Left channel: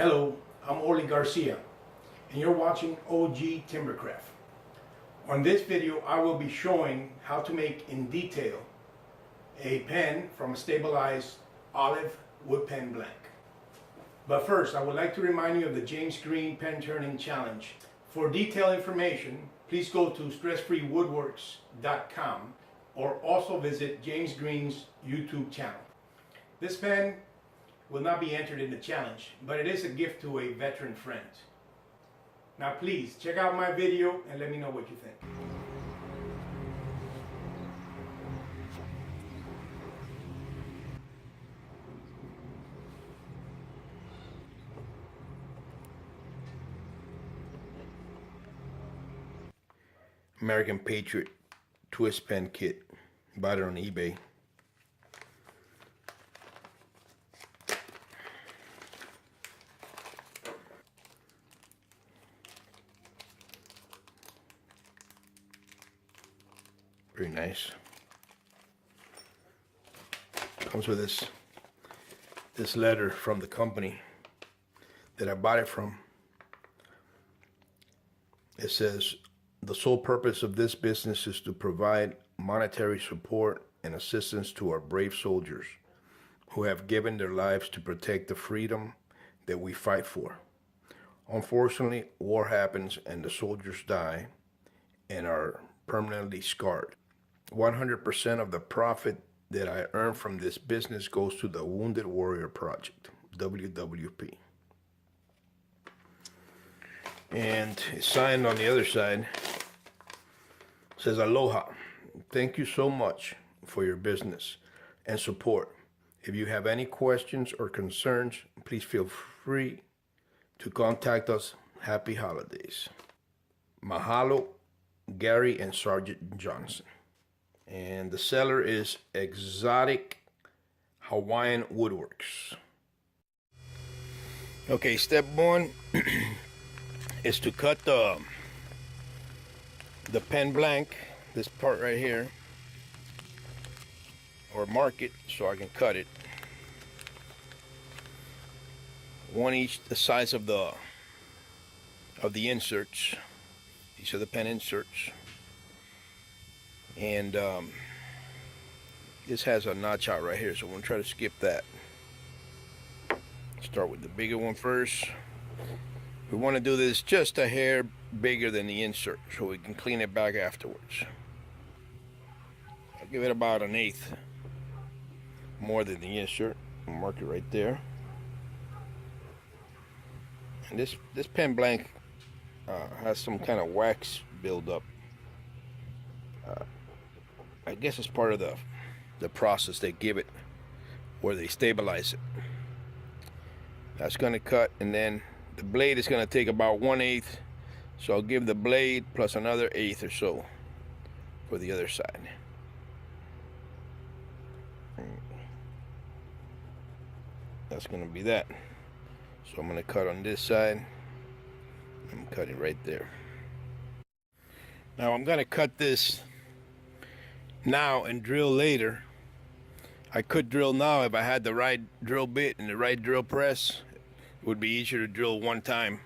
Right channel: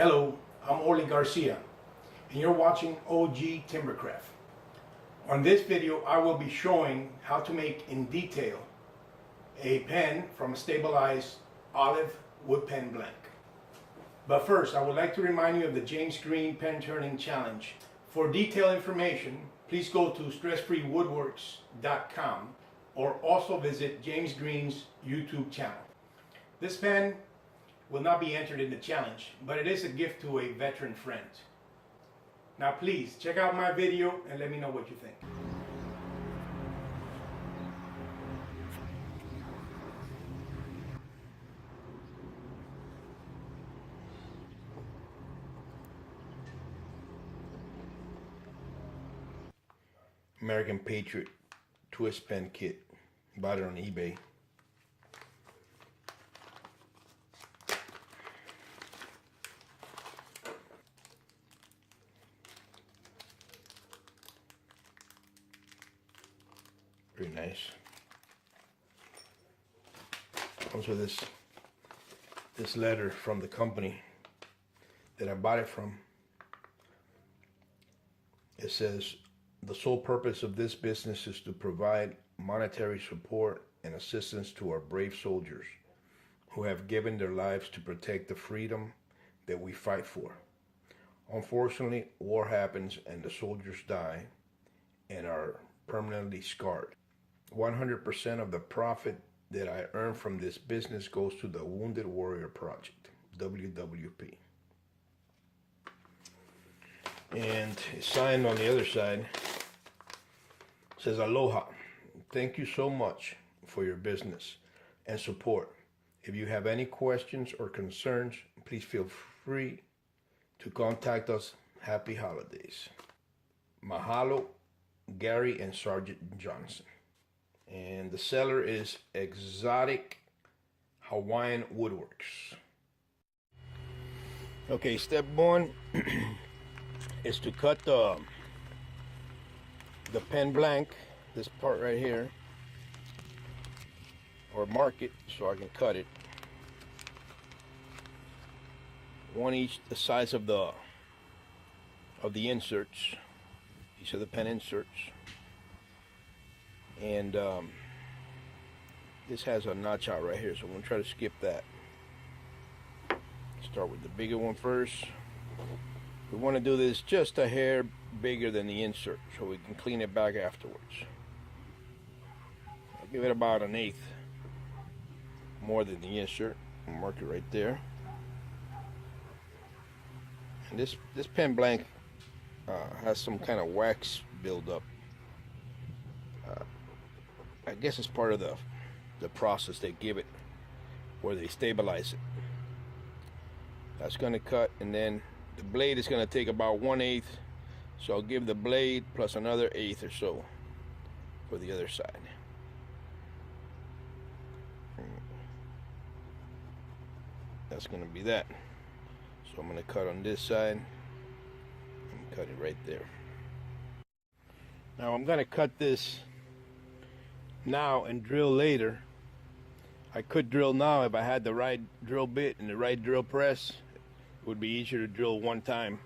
Hello, I'm Garcia, and you're watching OG Timbercraft. On this video, I will be showing how to make in detail a pen from a stabilized olive wood pen blank. But first, I would like to remind you of the James Green Pen Turning Challenge. For detailed information, please go to Stessfreewoodworks.com or also visit James Green's YouTube channel. This pen will not be entered in the challenge, but it is a gift to a veteran friend. Now please, check out my video and let me know what you think. American Patriot Twist Pen Kit. Bought it on eBay. Pretty nice. Comes with this letter from the company that I bought it from. It says, "The sole purpose of this business is to provide monetary support and assistance to our brave soldiers who have given their lives to protect the freedom that we fight for. Unfortunately, war happens and the soldiers die and are permanently scarred. 100% of the profit that I earn from this business goes to the Wounded Warrior Project, WWP." And it's signed on the other side. It says, "Aloha. Thank you so much for your business and support. If you have any questions or concerns, please feel free to contact us. Happy holidays. Mahalo, Gary and Sergeant Johnson." And the seller is Exotic Hawaiian Woodworks. Okay, step one is to cut the pen blank, this part right here, or mark it so I can cut it. One each the size of the inserts. These are the pen inserts. And this has a notch out right here, so I'm going to try to skip that. Start with the bigger one first. We want to do this just a hair bigger than the insert so we can clean it back afterwards. I'll give it about 1/8 more than the insert. I'll mark it right there. And this pen blank has some kind of wax buildup. I guess it's part of the process they give it, where they stabilize it. That's going to cut, and then the blade is going to take about 1/8, so I'll give the blade plus another 1/8 or so for the other side. That's going to be that. So I'm going to cut on this side and cut it right there. Now I'm going to cut this now and drill later. I could drill now if I had the right drill bit and the right drill press. It would be easier to drill one time,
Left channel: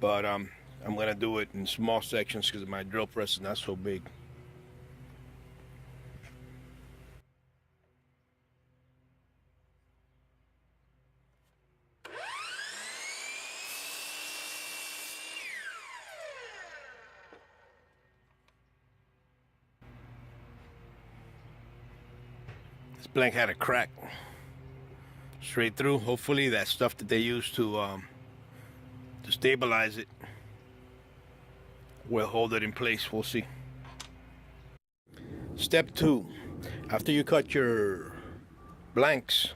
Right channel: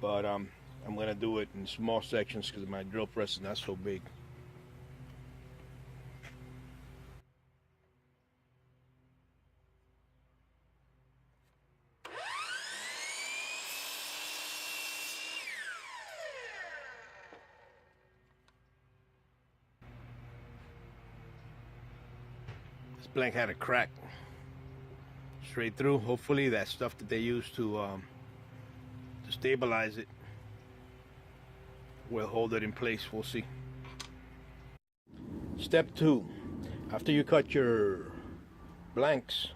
but I'm going to do it in small sections because my drill press is not so big. This blank had a crack straight through. Hopefully that stuff that they use to stabilize it will hold it in place. We'll see. Step 2. After you cut your blanks,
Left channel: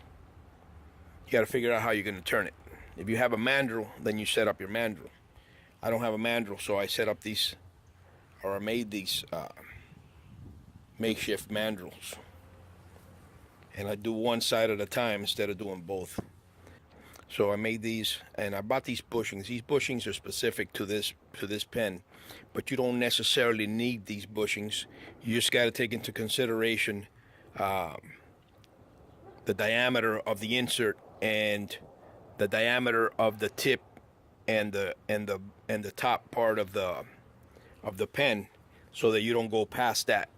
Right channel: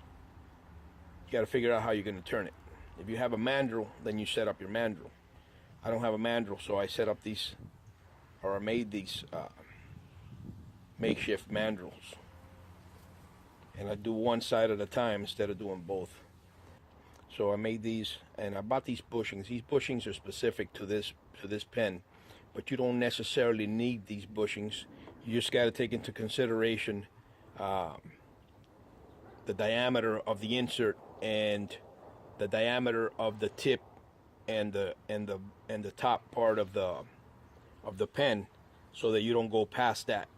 you got to figure out how you're going to turn it. If you have a mandrel, then you set up your mandrel. I don't have a mandrel, so I set up these, or I made these makeshift mandrels. And I do one side at a time instead of doing both. So I made these, and I bought these bushings. These bushings are specific to this pen, but you don't necessarily need these bushings. You just got to take into consideration the diameter of the insert and the diameter of the tip and the top part of the pen, so that you don't go past that.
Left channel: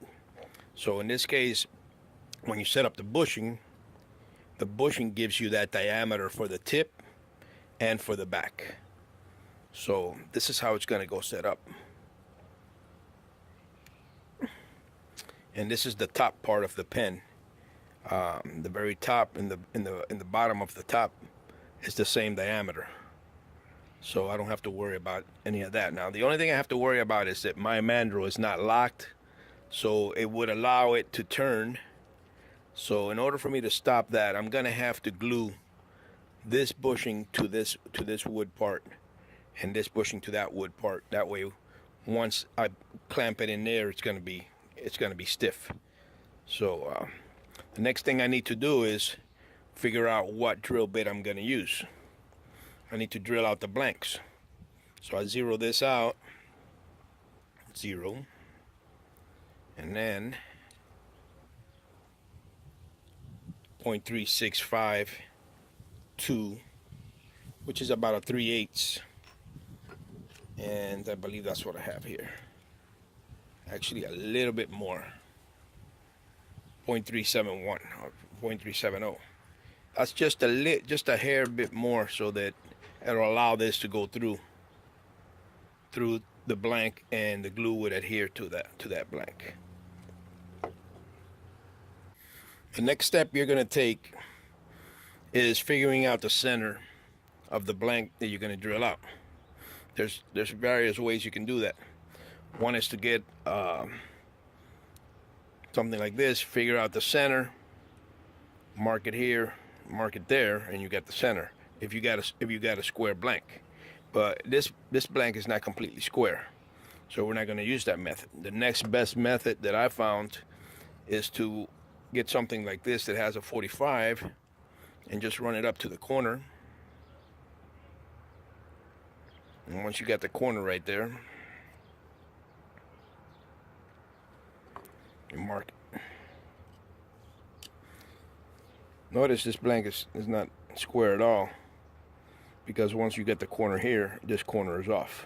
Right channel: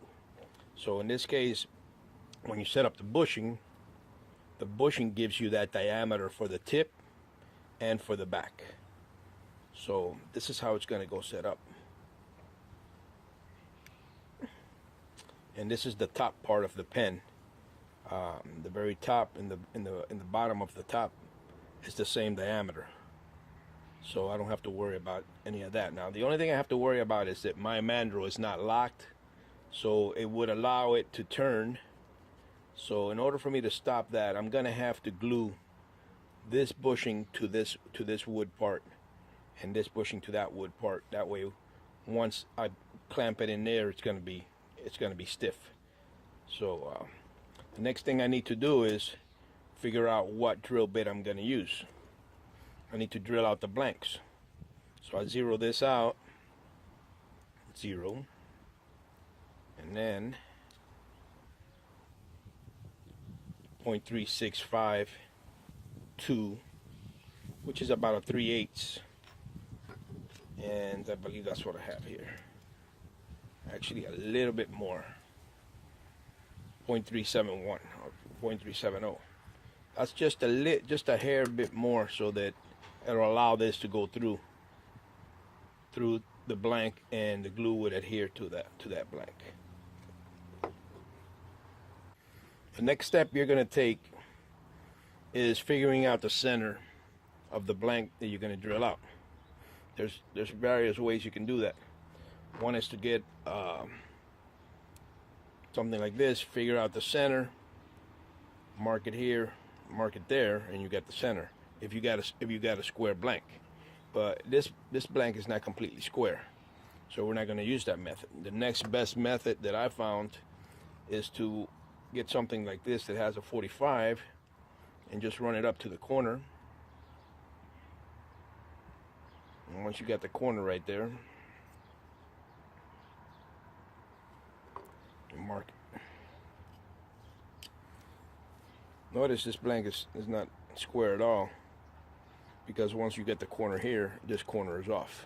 So in this case, when you set up the bushing gives you that diameter for the tip and for the back. So this is how it's going to go set up. And this is the top part of the pen. The very top and the bottom of the top is the same diameter. So I don't have to worry about any of that. Now the only thing I have to worry about is that my mandrel is not locked, so it would allow it to turn. So in order for me to stop that, I'm gonna have to glue this bushing to this wood part, and this bushing to that wood part. That way, once I clamp it in there, it's gonna be stiff. So the next thing I need to do is figure out what drill bit I'm gonna use. I need to drill out the blanks. So I zero this out, 0, and then 0.3652, which is about a 3/8, and I believe that's what I have here. Actually, a little bit more, 0.371 or 0.370. That's just a hair bit more, so that it'll allow this to go through the blank, and the glue would adhere to that blank. The next step you're going to take is figuring out the center of the blank that you're going to drill out. There's various ways you can do that. One is to get something like this, figure out the center, mark it here, mark it there, and you get the center. If you got a square blank, but this blank is not completely square, so we're not going to use that method. The next best method that I found is to get something like this that has a 45 and just run it up to the corner. And once you got the corner right there, you mark it. Notice this blank is not square at all, because once you get the corner here, this corner is off.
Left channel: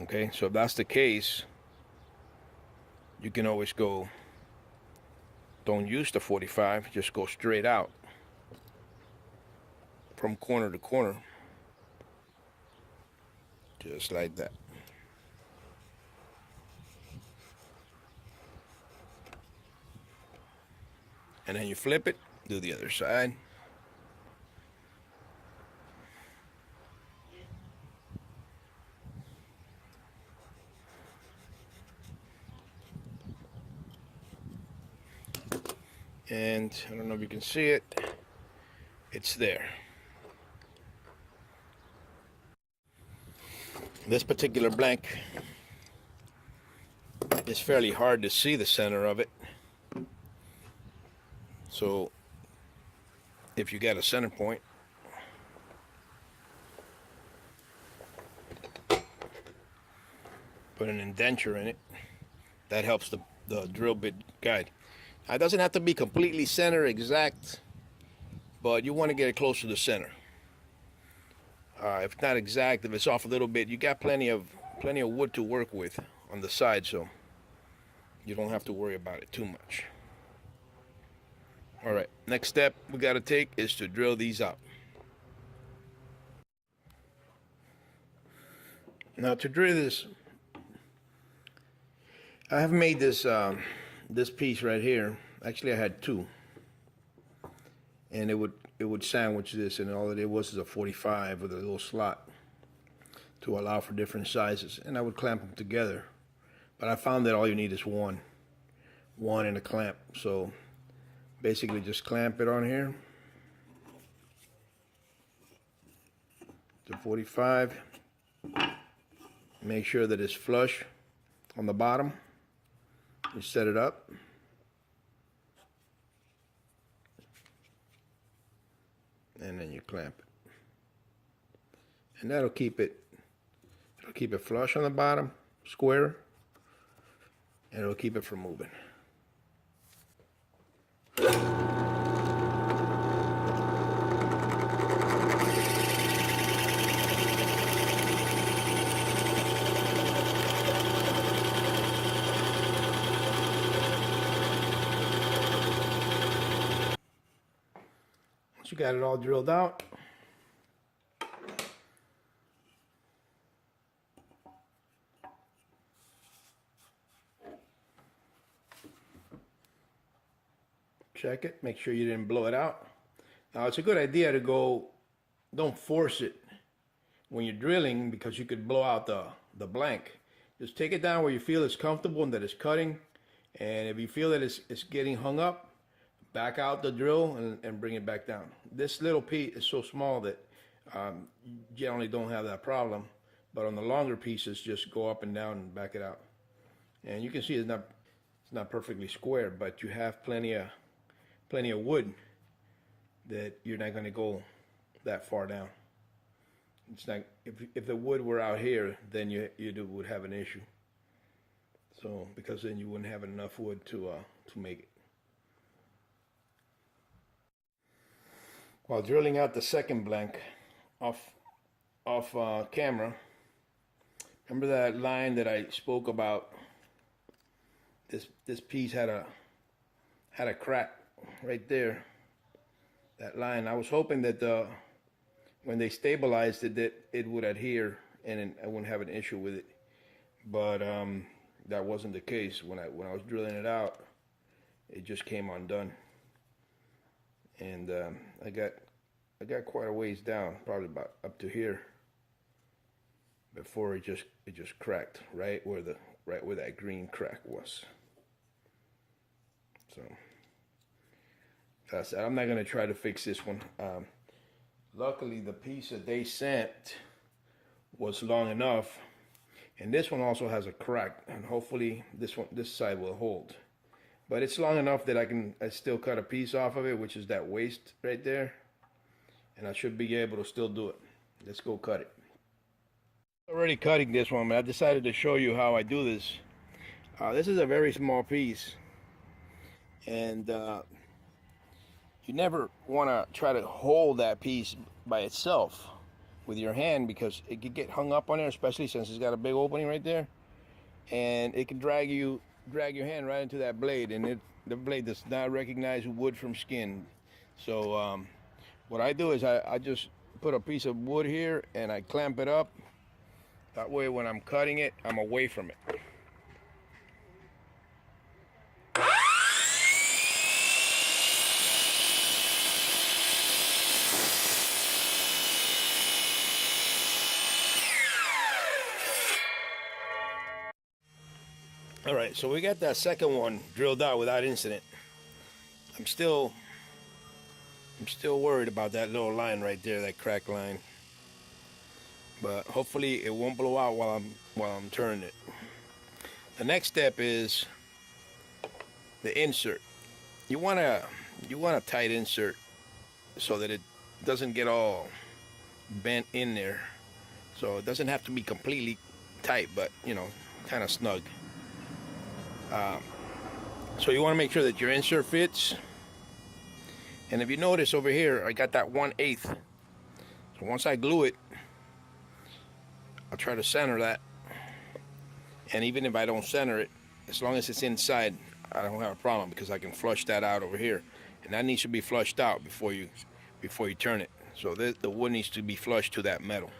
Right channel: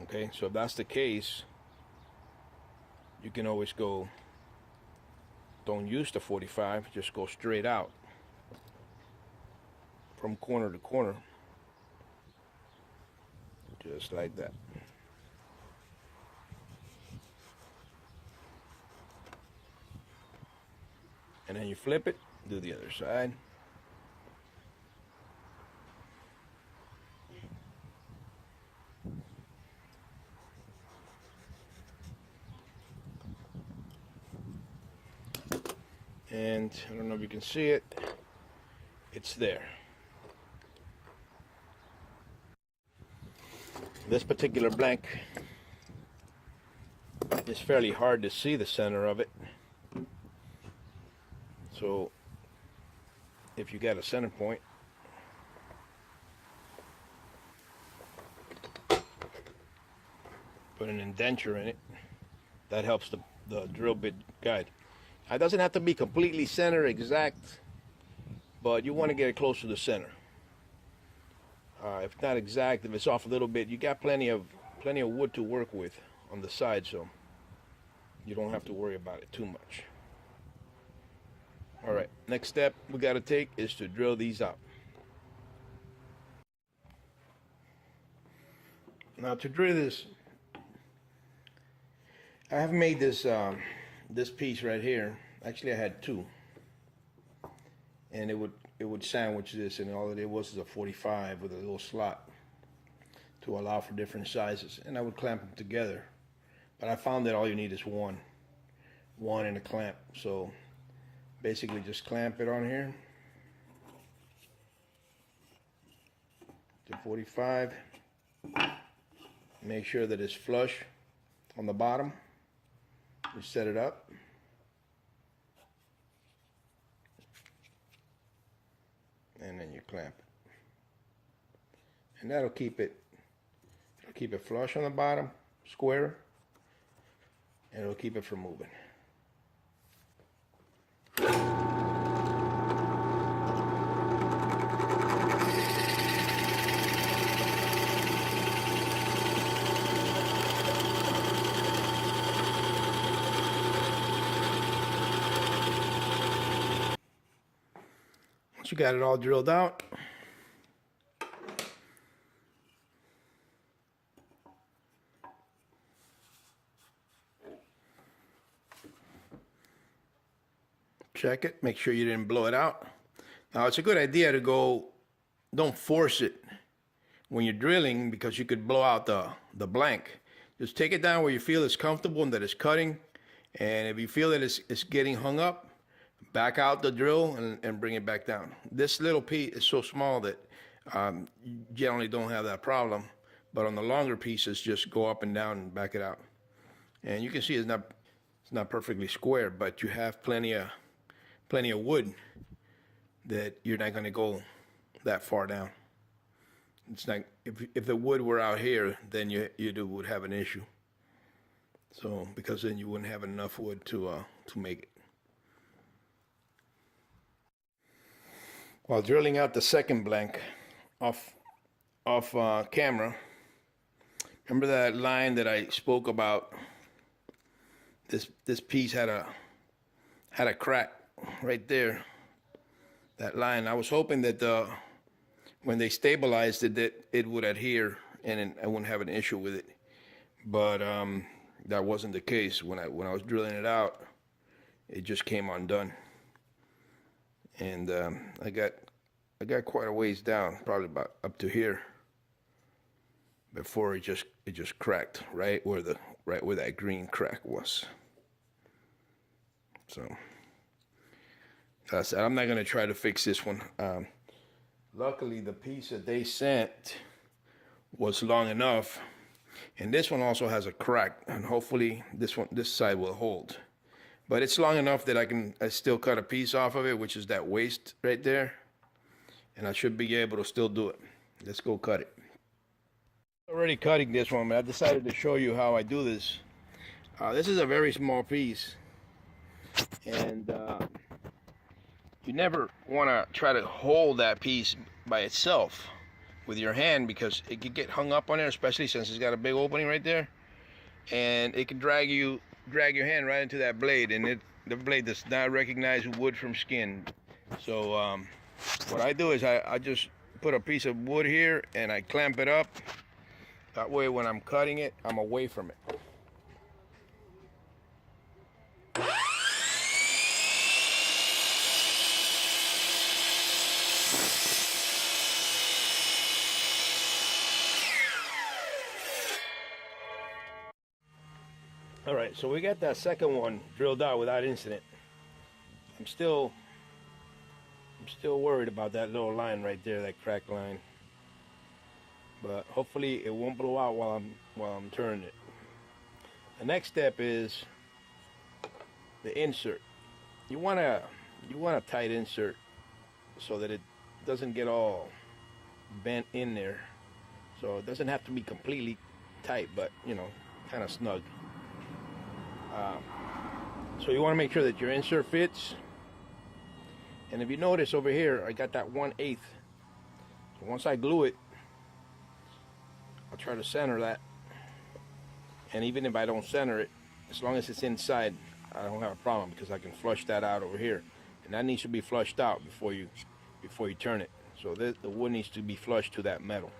Okay, so if that's the case, you can always go, don't use the 45, just go straight out from corner to corner, just like that. And then you flip it, do the other side. And I don't know if you can see it, it's there. This particular blank is fairly hard to see the center of it. So if you got a center point, put an indenture in it, that helps the drill bit guide. It doesn't have to be completely center exact, but you want to get it close to the center. If not exact, if it's off a little bit, you got plenty of wood to work with on the side, so you don't have to worry about it too much. All right, next step we got to take is to drill these out. Now to drill this, I have made this this piece right here. Actually, I had two, and it would sandwich this, and all it was is a 45 with a little slot to allow for different sizes, and I would clamp them together. But I found that all you need is one and a clamp. So basically just clamp it on here, the 45, make sure that it's flush on the bottom. You set it up, and then you clamp it, and that'll keep it flush on the bottom, square, and it'll keep it from moving. Once you got it all drilled out, check it, make sure you didn't blow it out. Now it's a good idea to go, don't force it when you're drilling because you could blow out the blank. Just take it down where you feel it's comfortable and that it's cutting. And if you feel that it's getting hung up, back out the drill and bring it back down. This little piece is so small that you generally don't have that problem. But on the longer pieces, just go up and down and back it out. And you can see it's not perfectly square, but you have plenty of wood that you're not going to go that far down. It's not, if the wood were out here, then you would have an issue. So because then you wouldn't have enough wood to make it. While drilling out the second blank off camera, remember that line that I spoke about? This piece had a crack right there. That line. I was hoping that when they stabilized it, that it would adhere and I wouldn't have an issue with it. But that wasn't the case. When I was drilling it out, it just came undone. And I got quite a ways down, probably about up to here, before it just cracked right where that green crack was. So I said I'm not gonna try to fix this one. Luckily, the piece that they sent was long enough, and this one also has a crack, and hopefully this side will hold. But it's long enough that I still cut a piece off of it, which is that waist right there, and I should be able to still do it. Let's go cut it. Already cutting this one, but I decided to show you how I do this. This is a very small piece, and you never want to try to hold that piece by itself with your hand because it could get hung up on there, especially since it's got a big opening right there, and it can drag your hand right into that blade, and the blade does not recognize wood from skin. So what I do is I just put a piece of wood here and I clamp it up. That way when I'm cutting it, I'm away from it. All right, so we got that second one drilled out without incident. I'm still worried about that little line right there, that crack line. But hopefully it won't blow out while I'm turning it. The next step is the insert. You want a tight insert so that it doesn't get all bent in there. So it doesn't have to be completely tight, but kind of snug. So you want to make sure that your insert fits. And if you notice over here, I got that 1/8. So once I glue it, I'll try to center that. And even if I don't center it, as long as it's inside, I don't have a problem because I can flush that out over here. And that needs to be flushed out before you turn it. So the wood needs to be flushed to that metal.